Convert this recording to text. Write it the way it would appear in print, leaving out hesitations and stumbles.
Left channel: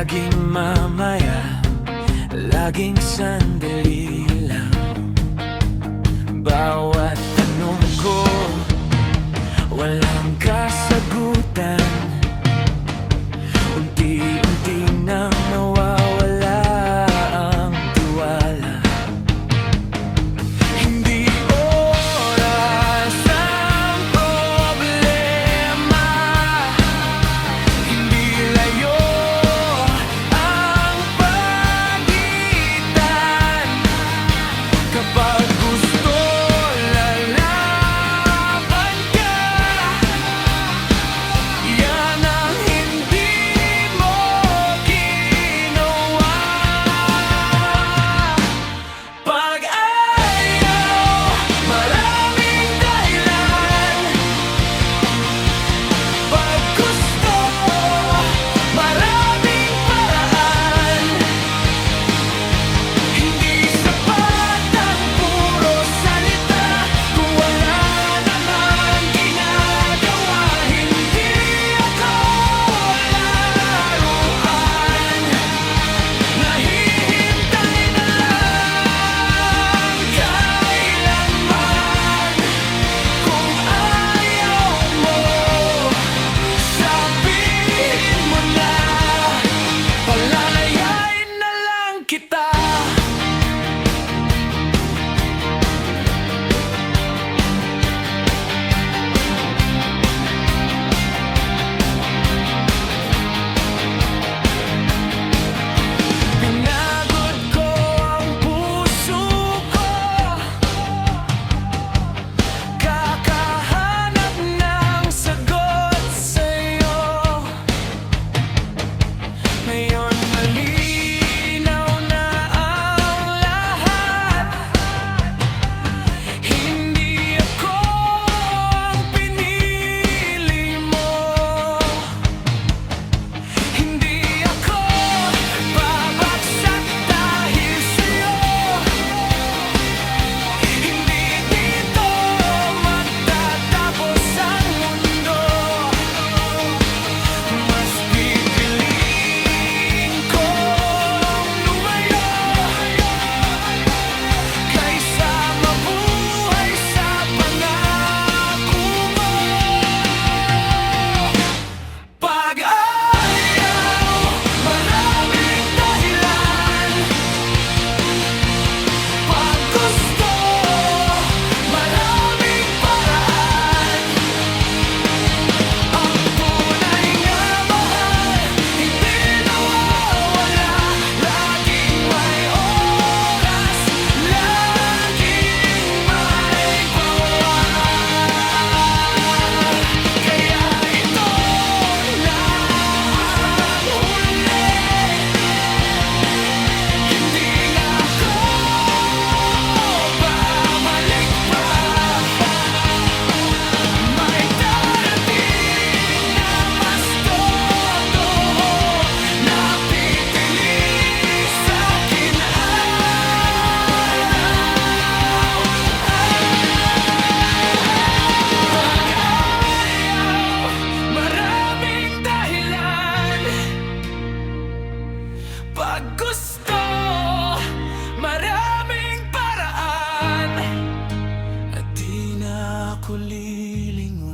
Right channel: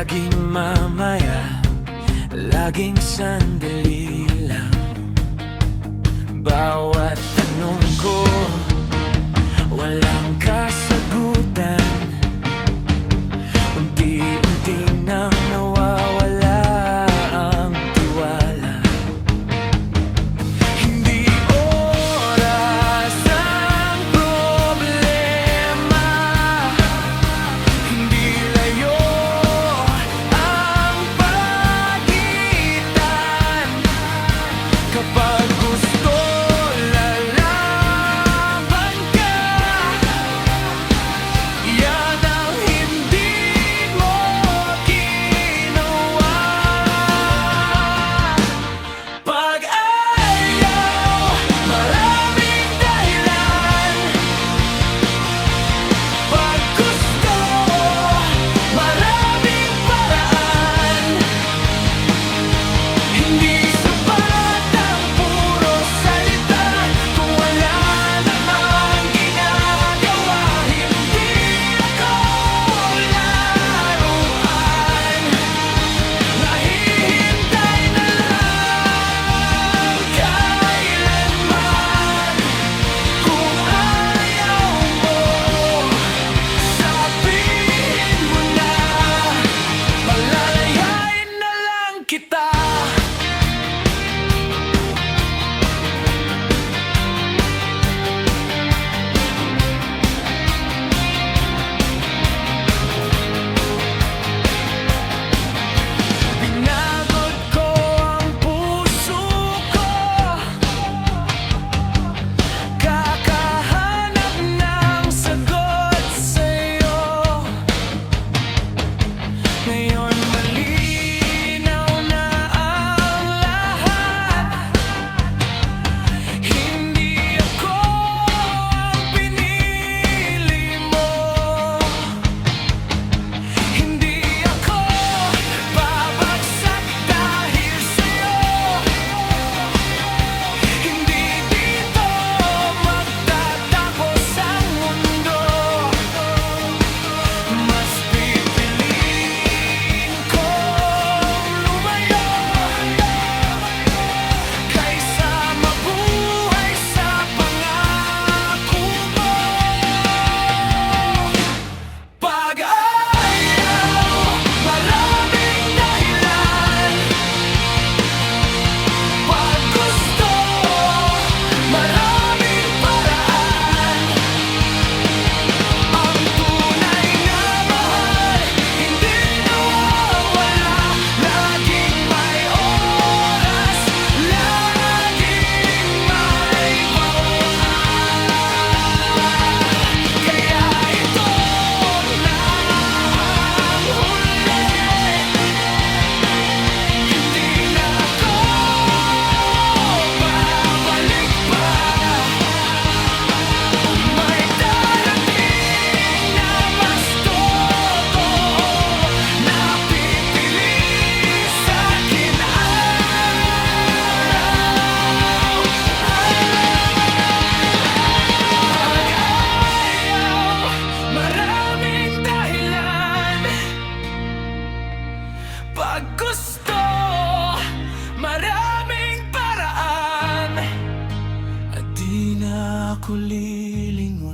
laging mamaya, laging sandali lang. Bawat tanong ko, walang kasagutan. Unti-unti nang nawawala ang tiwala. Hindi oras ang problema, hindi layo ang pagitan. Kapag gusto lalaban ka, yan ang hindi mo ginawa. Pag ayaw, maraming dahilan. Pag gusto, maraming paraan. Hindi sapat ang puro salita kung wala namang ginagawa. Hindi ako laruan, nahihintay na lang kailanman. Kung ayaw mo, sabihin mo na, palalayain na lang kita. Pinagod ko ang puso ko, kakahanap ng sagot sa'yo. Ngayon malinaw na ang lahat. Hindi ako ang pinili mo. Hindi ako babagsak dahil sa'yo. Hindi dito magtatapos ang mundo. Mas pipiliin kong lumayo kaysa mabuhay sa pangako mo. Pag ayaw, maraming dahilan. Pag gusto, maraming paraan. Ang tunay na mahal, hindi nawawala. Laging may oras, laging may bawal. Kaya ito na ang huli, hindi na ako babalik pa. May darating na mas totoo na pipili sa'kin araw. Pag ayaw, maraming dahilan. Pag gusto, maraming paraan. At di na ako lilingon.